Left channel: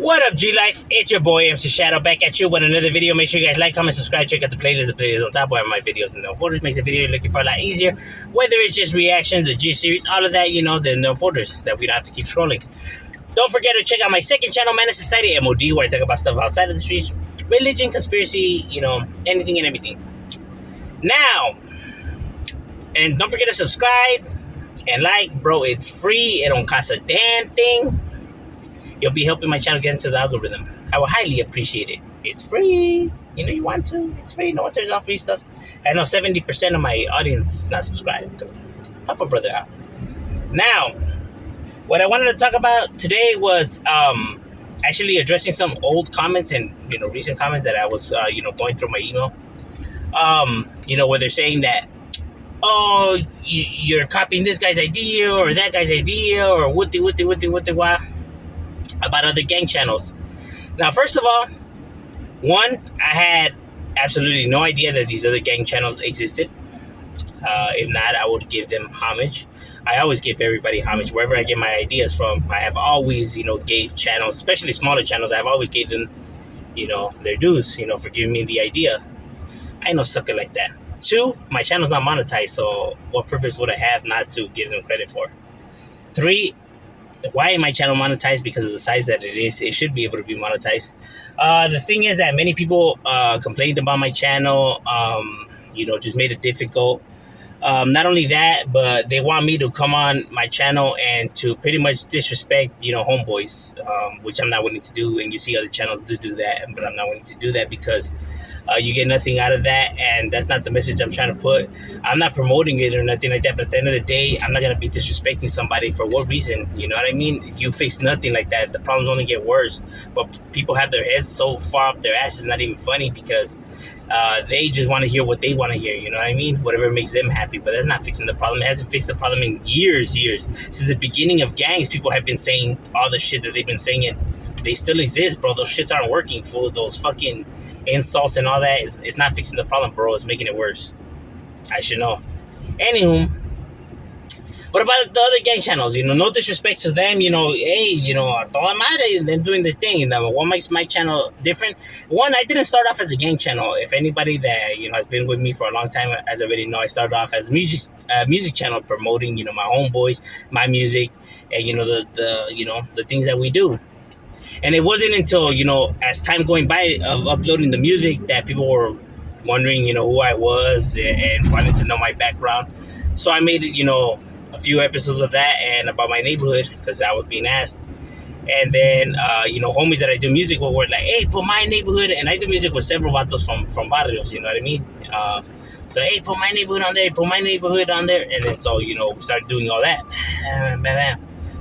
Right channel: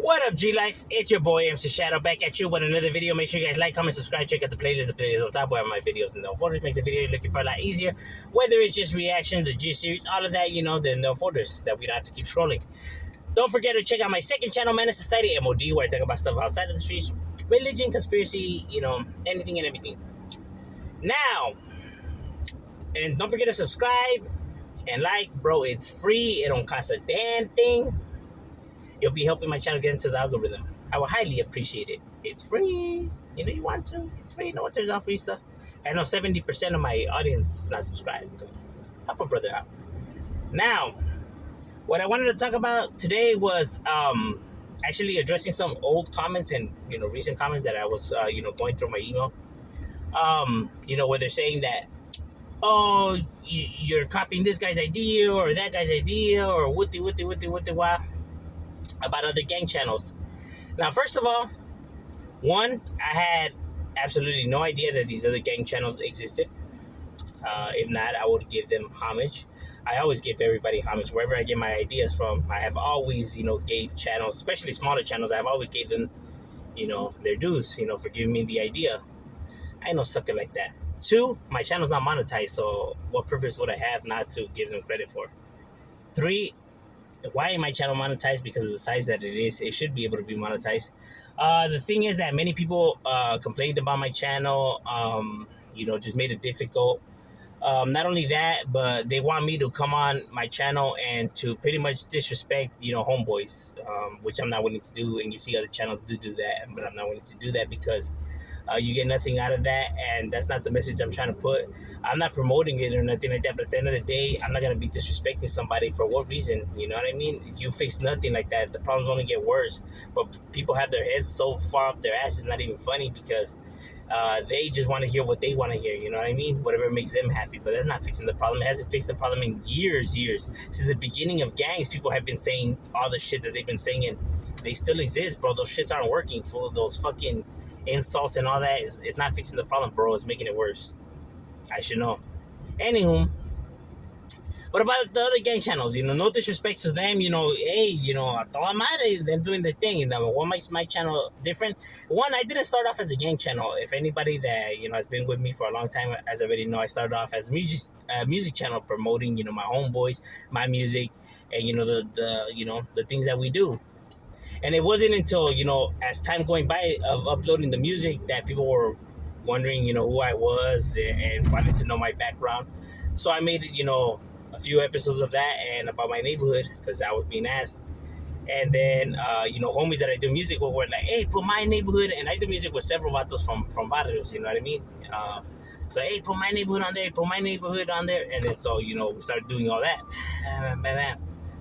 What up, G Life? It's your boy MC Shadow back at you with another video. Make sure you guys like, comment, subscribe, check out the playlist. The playlist on top of my videos and no folders makes the video you're looking for a lot easier. Whether it's just reactions, the G series, all of that, the no folders that we don't have to keep scrolling. Don't forget to check out my second channel, Menace Society M.O.D, where I talk about stuff outside of the streets, religion, conspiracy, anything and everything. Now, and don't forget to subscribe and like, bro. It's free. It don't cost a damn thing. You'll be helping my channel get into the algorithm. I would highly appreciate it. It's free. You want to. It's free. No one turns off free stuff. I know 70% of my audience is not subscribed. Help a brother out. Now, what I wanted to talk about today was actually addressing some old comments and recent comments that I was going through my email. Where they're saying that, oh, you're copying this guy's idea or that guy's idea or what about other gang channels. Now, first of all, one, I had absolutely no idea that these other gang channels existed. If not, I would give them homage. I always give everybody homage wherever I get my ideas from. I have always, gave channels, especially smaller channels, I've always gave them, their dues, for giving me the idea. I ain't no sucker like that. Two, my channel's not monetized, so what purpose would I have not to give them credit for? Three, why ain't my channel monetized? Because of the size that it is. It should be able to be monetized. The thing is that many people complained about my channel, just made it difficult. Not only that, but they want me to come on my channel and to pretty much disrespect, homeboys, which I'm not willing to do. And you see other channels do that, but I'm not willing to do that because you get nothing out of that, and that's not the message I'm trying to put. I'm not promoting it or nothing like that, but at the end of the day, I'm not going to be disrespecting somebody for what reason, you know what I mean? You fix nothing like that, the problems only get worse, but people have their heads so far up their ass, it's not even funny because they just want to hear what they want to hear, you know what I mean? Whatever makes them happy, but that's not fixing the problem. It hasn't fixed the problem in years. Since the beginning of gangs, people have been saying all the shit that they've been saying, and they still exist, bro. Those shits aren't working, fool. Those fucking insults and all that, it's not fixing the problem, bro. It's making it worse. I should know. Anywho, what about the other gang channels? No disrespect to them. Hey, I thought I'm at it. Them doing their thing. What makes my channel different? One, I didn't start off as a gang channel. If anybody that has been with me for a long time, as I already know, I started off as a music channel promoting my homeboys, my music, and the things that we do. And it wasn't until, as time going by of uploading the music that people were wondering, who I was and wanted to know my background. So I made, a few episodes of that and about my neighborhood because I was being asked. And then, homies that I do music with were like, hey, put my neighborhood. And I do music with several vatos from barrios, you know what I mean? So, hey, put my neighborhood on there, put my neighborhood on there. And then so, we started doing all that.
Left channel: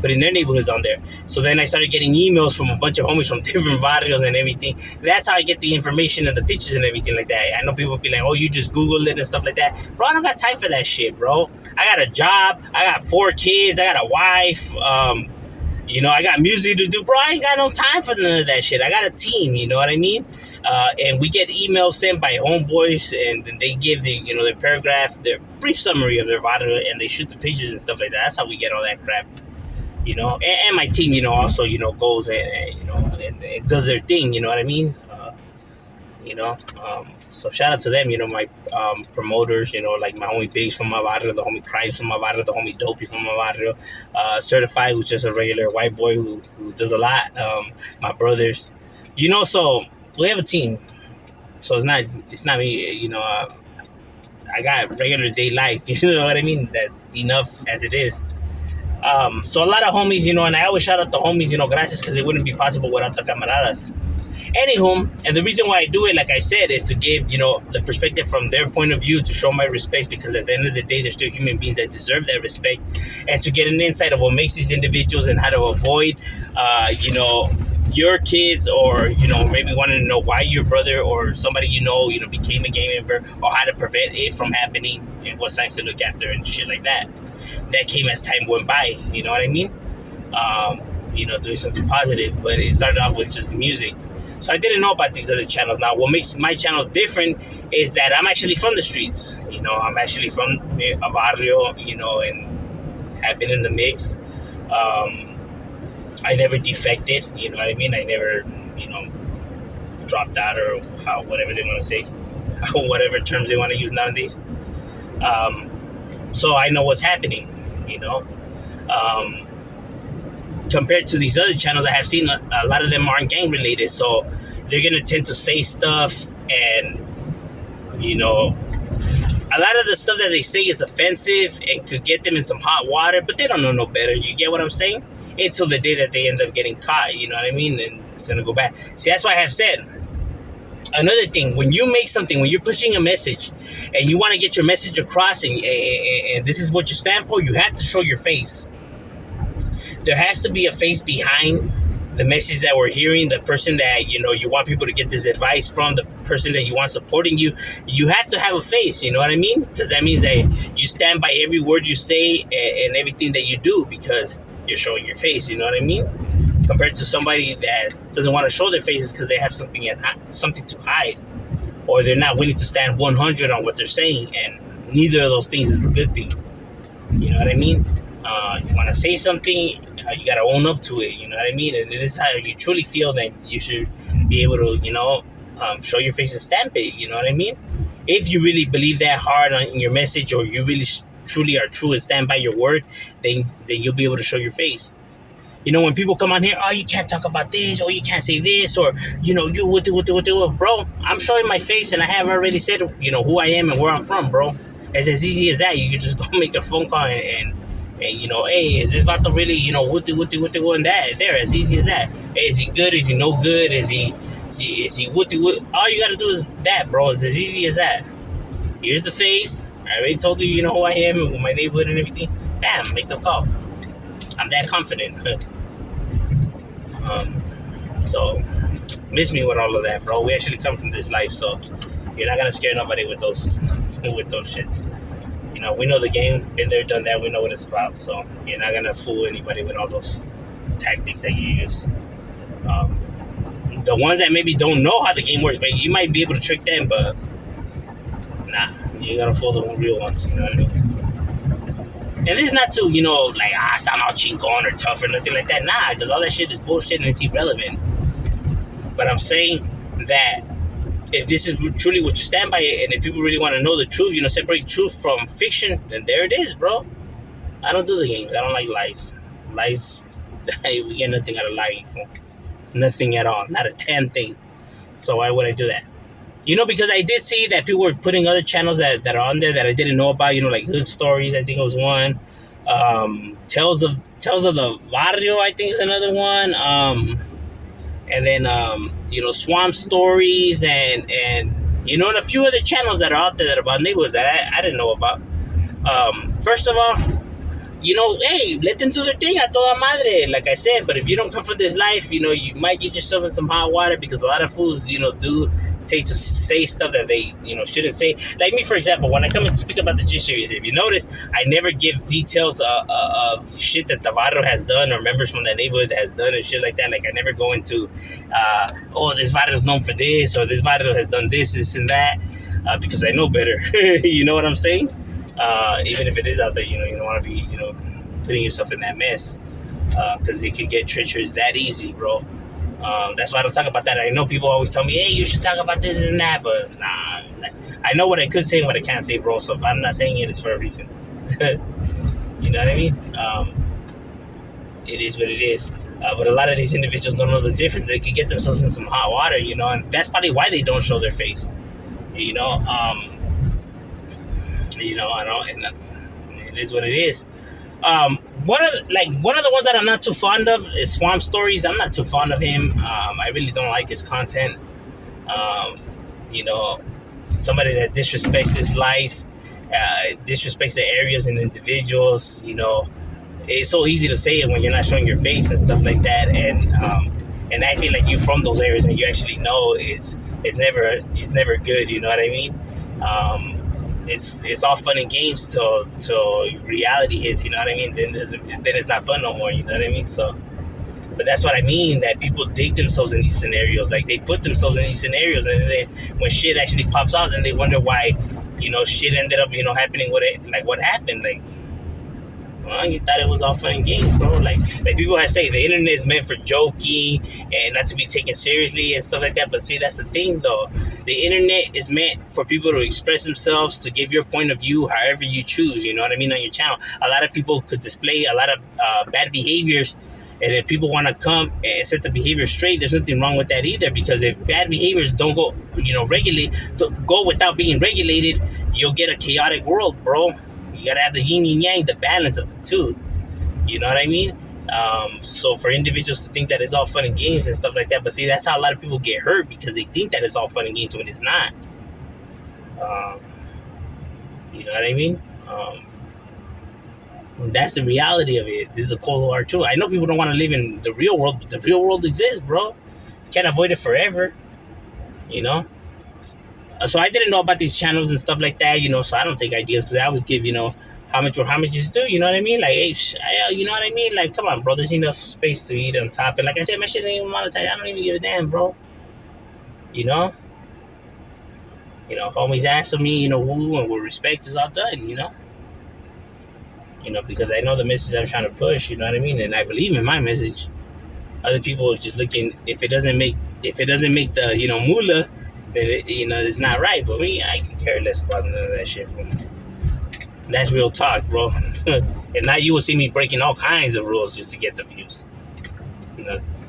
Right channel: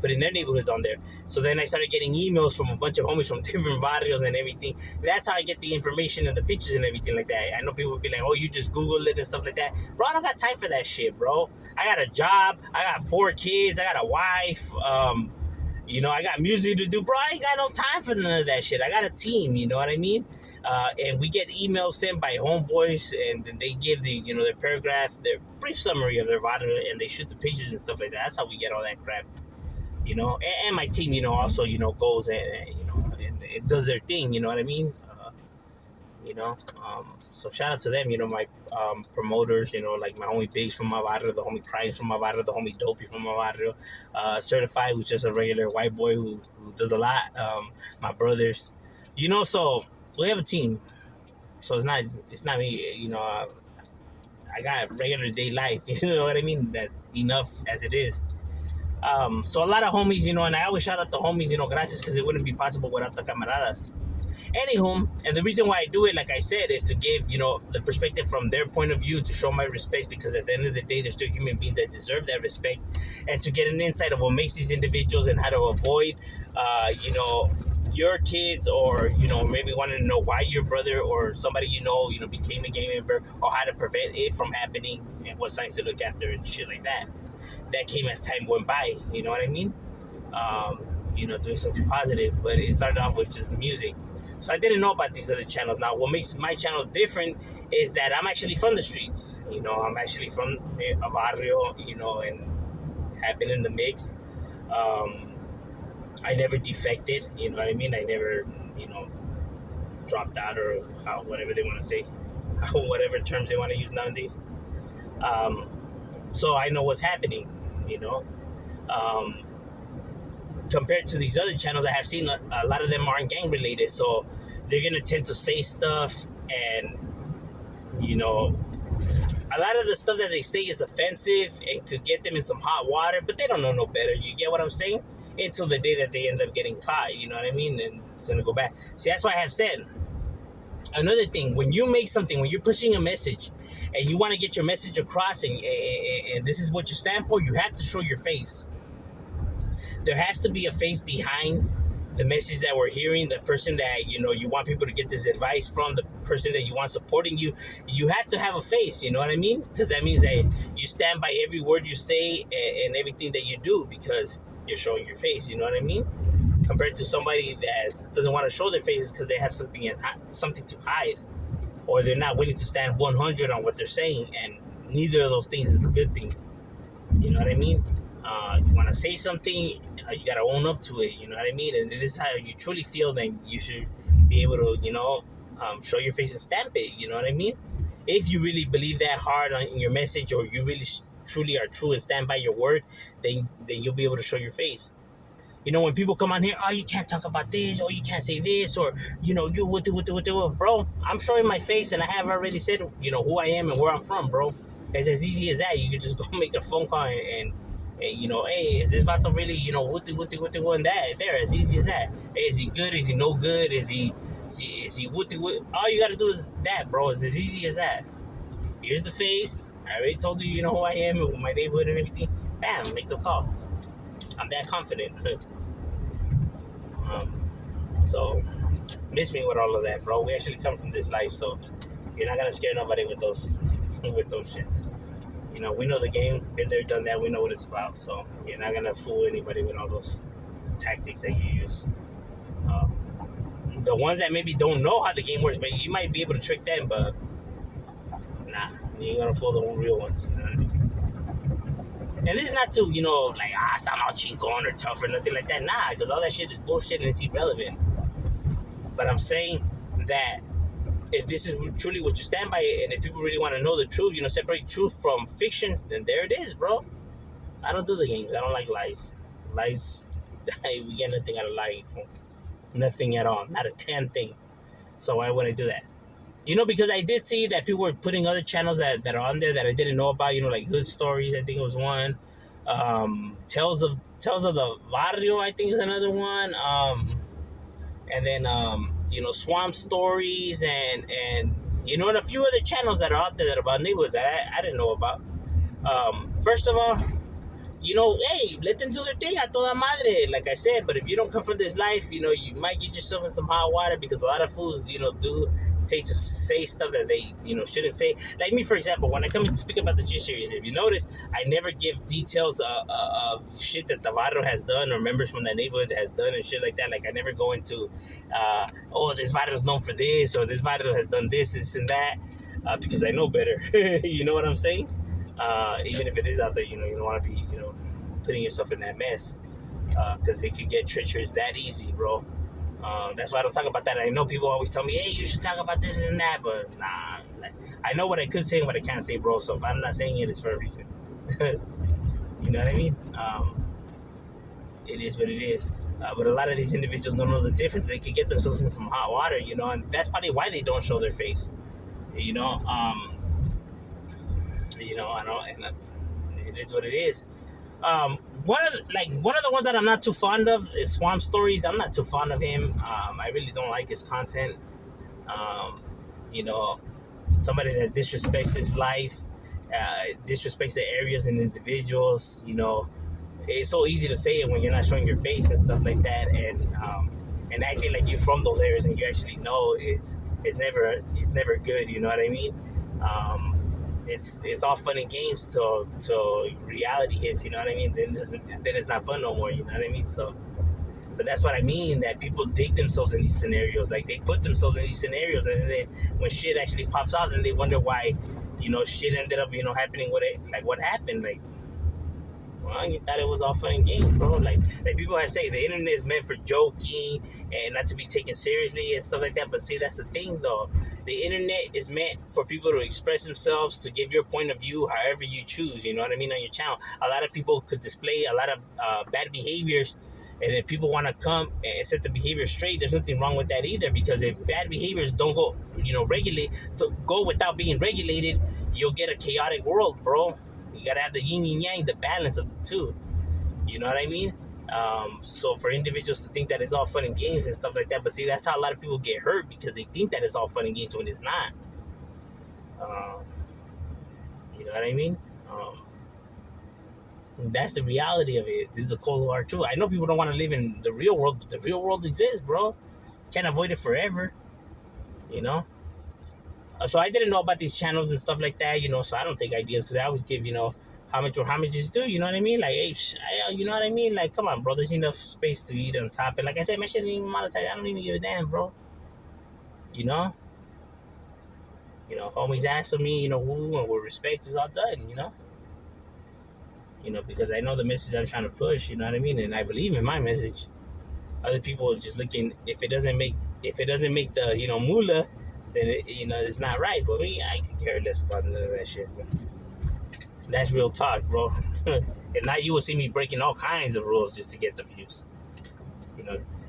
Putting their neighborhoods on there. So then I started getting emails from a bunch of homies from different barrios and everything. That's how I get the information and the pictures and everything like that. I know people be like, oh, you just Google it and stuff like that. Bro, I don't got time for that shit, bro. I got a job. I got 4 kids. I got a wife. I got music to do. Bro, I ain't got no time for none of that shit. I got a team, you know what I mean? And we get emails sent by homeboys, and then they give their paragraph, their brief summary of their barrio, and they shoot the pictures and stuff like that. That's how we get all that crap. And my team, also, goes and does their thing, you know what I mean? So shout out to them, my promoters, like my homie Biggs from my barrio, the homie Crimes from my barrio, the homie Dopey from my barrio, Certified, who's just a regular white boy who does a lot, my brothers, so we have a team. So it's not me, I got regular day life, you know what I mean? That's enough as it is. So a lot of homies, and I always shout out the homies, gracias, because it wouldn't be possible without the camaradas. Anywho, and the reason why I do it, like I said, is to give, the perspective from their point of view, to show my respect, because at the end of the day, they're still human beings that deserve that respect, and to get an insight of what makes these individuals and how to avoid, your kids, or, maybe wanting to know why your brother or somebody became a gang member, or how to prevent it from happening, and what signs to look after and shit like that. That came as time went by, you know what I mean? Doing something positive, but it started off with just music. So I didn't know about these other channels. Now, what makes my channel different is that I'm actually from the streets. I'm actually from a barrio, and have been in the mix. I never defected. You know what I mean? I never, you know, dropped out or whatever they want to say, whatever terms they want to use nowadays. Um, so I know what's happening. You know, um, compared to these other channels I have seen, a lot of them aren't gang related, so they're gonna tend to say stuff, and you know, a lot of the stuff that they say is offensive and could get them in some hot water, but they don't know no better. You get what I'm saying? Until the day that they end up getting caught, you know what I mean? And it's gonna go back. See, that's why I have said another thing. When you make something, when you're pushing a message, and you want to get your message across, and this is what you stand for, you have to show your face. There has to be a face behind the message that we're hearing, the person that you want people to get this advice from, the person that you want supporting you. You have to have a face, you know what I mean? Because that means that you stand by every word you say and everything that you do, because you're showing your face, you know what I mean? Compared to somebody that doesn't want to show their faces because they have something to hide, or they're not willing to stand 100 on what they're saying, and neither of those things is a good thing. You know what I mean? You want to say something, you got to own up to it. You know what I mean? And this is how you truly feel. Then you should be able to, show your face and stamp it. You know what I mean? If you really believe that hard on your message, or you really truly are true and stand by your word, then you'll be able to show your face. You know, when people come on here, oh, you can't talk about this, or you can't say this, or, you what do, bro. I'm showing my face, and I have already said, who I am and where I'm from, bro. It's as easy as that. You can just go make a phone call and hey, is this vato really, what do, and that, there, as easy as that. Hey, is he good? Is he no good? Is he what? All you gotta do is that, bro. It's as easy as that. Here's the face. I already told you, who I am and my neighborhood and everything. Bam, make the call. I'm that confident. So miss me with all of that, bro. We actually come from this life, so you're not gonna scare nobody with those shits. We know the game, been there, done that. We know what it's about, so you're not gonna fool anybody with all those tactics that you use. The ones that maybe don't know how the game works, but you might be able to trick them, but nah, you're gonna fool the real ones. You know what I mean? And this is not to, sound all chingon or tough or nothing like that. Nah, because all that shit is bullshit and it's irrelevant. But I'm saying that if this is truly what you stand by, and if people really want to know the truth, separate truth from fiction, then there it is, bro. I don't do the games. I don't like lies. Lies, we get nothing out of lying. Nothing at all. Not a damn thing. So why would I do that? Because I did see that people were putting other channels that are on there that I didn't know about, like Hood Stories, I think it was one. Tales of the Barrio, I think is another one. And then, Swamp Stories and and a few other channels that are out there that are about neighborhoods that I didn't know about. First of all, hey, let them do their thing a toda madre, like I said. But if you don't come from this life, you might get yourself in some hot water, because a lot of fools, do take to say stuff that they, shouldn't say. Like me, for example, when I come and speak about the G series, if you notice, I never give details of shit that the barrio has done, or members from that neighborhood has done, and shit like that. Like I never go into, this barrio's known for this, or this barrio has done this and that, because I know better. You know what I'm saying? Even if it is out there, you don't want to be, putting yourself in that mess, because it could get treacherous that easy, bro. That's why I don't talk about that. I know people always tell me, hey, you should talk about this and that, but nah, I know what I could say and what I can't say, bro. So if I'm not saying it, it's for a reason. You know what I mean? It is what it is. But a lot of these individuals don't know the difference. They could get themselves in some hot water, and that's probably why they don't show their face. I don't, and it is what it is. One of the ones that I'm not too fond of is Swamp Stories. I'm not too fond of him. I really don't like his content. Somebody that disrespects his life, disrespects the areas and individuals. It's so easy to say it when you're not showing your face and stuff like that, and acting like you from those areas and you actually know is never good. You know what I mean? It's all fun and games till reality hits. You know what I mean? Then it's not fun no more. You know what I mean? So, but that's what I mean. That people dig themselves in these scenarios. Like they put themselves in these scenarios, and then when shit actually pops out, then they wonder why, shit ended up, happening with it. Like what happened? Like Well, you thought it was all fun and games, bro. Like people have say the internet is meant for joking and not to be taken seriously and stuff like that. But see, that's the thing, though. The internet is meant for people to express themselves, to give your point of view, however you choose. You know what I mean? On your channel, a lot of people could display a lot of bad behaviors. And if people want to come and set the behavior straight, there's nothing wrong with that either. Because if bad behaviors don't go, go without being regulated, you'll get a chaotic world, bro. You gotta have the yin and yang, the balance of the two. You know what I mean? So for individuals to think that it's all fun and games and stuff like that, but see, that's how a lot of people get hurt because they think that it's all fun and games when it's not. Um, you know what I mean? That's the reality of it. This is a cold hard truth. I know people don't want to live in the real world, but the real world exists, bro. You can't avoid it forever. You know. So I didn't know about these channels and stuff like that. So I don't take ideas because I always give how much or how much is due. You know what I mean? Like, hey, you know what I mean? Like, come on, bro. There's enough space to eat on top. And like I said, my shit ain't even monetized. I don't even give a damn, bro. You know. Homies asking me, who and with respect is all done. Because I know the message I'm trying to push. You know what I mean? And I believe in my message. Other people are just looking. If it doesn't make the moolah, then it's not right. But me, I can care less about none of that shit. That's real talk, bro. If not, you will see me breaking all kinds of rules just to get the views.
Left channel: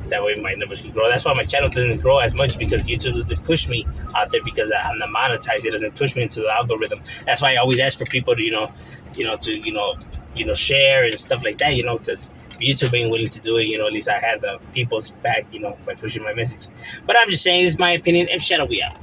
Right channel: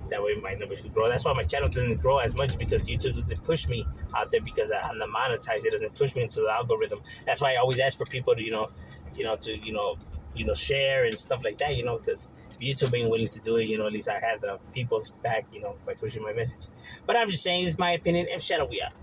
That way my numbers can grow. That's why my channel doesn't grow as much because YouTube doesn't push me out there because I'm not monetized. It doesn't push me into the algorithm. That's why I always ask for people to share and stuff like that. Because YouTube ain't willing to do it. At least I have the people's back. By pushing my message. But I'm just saying, this is my opinion. If Shadow, we out.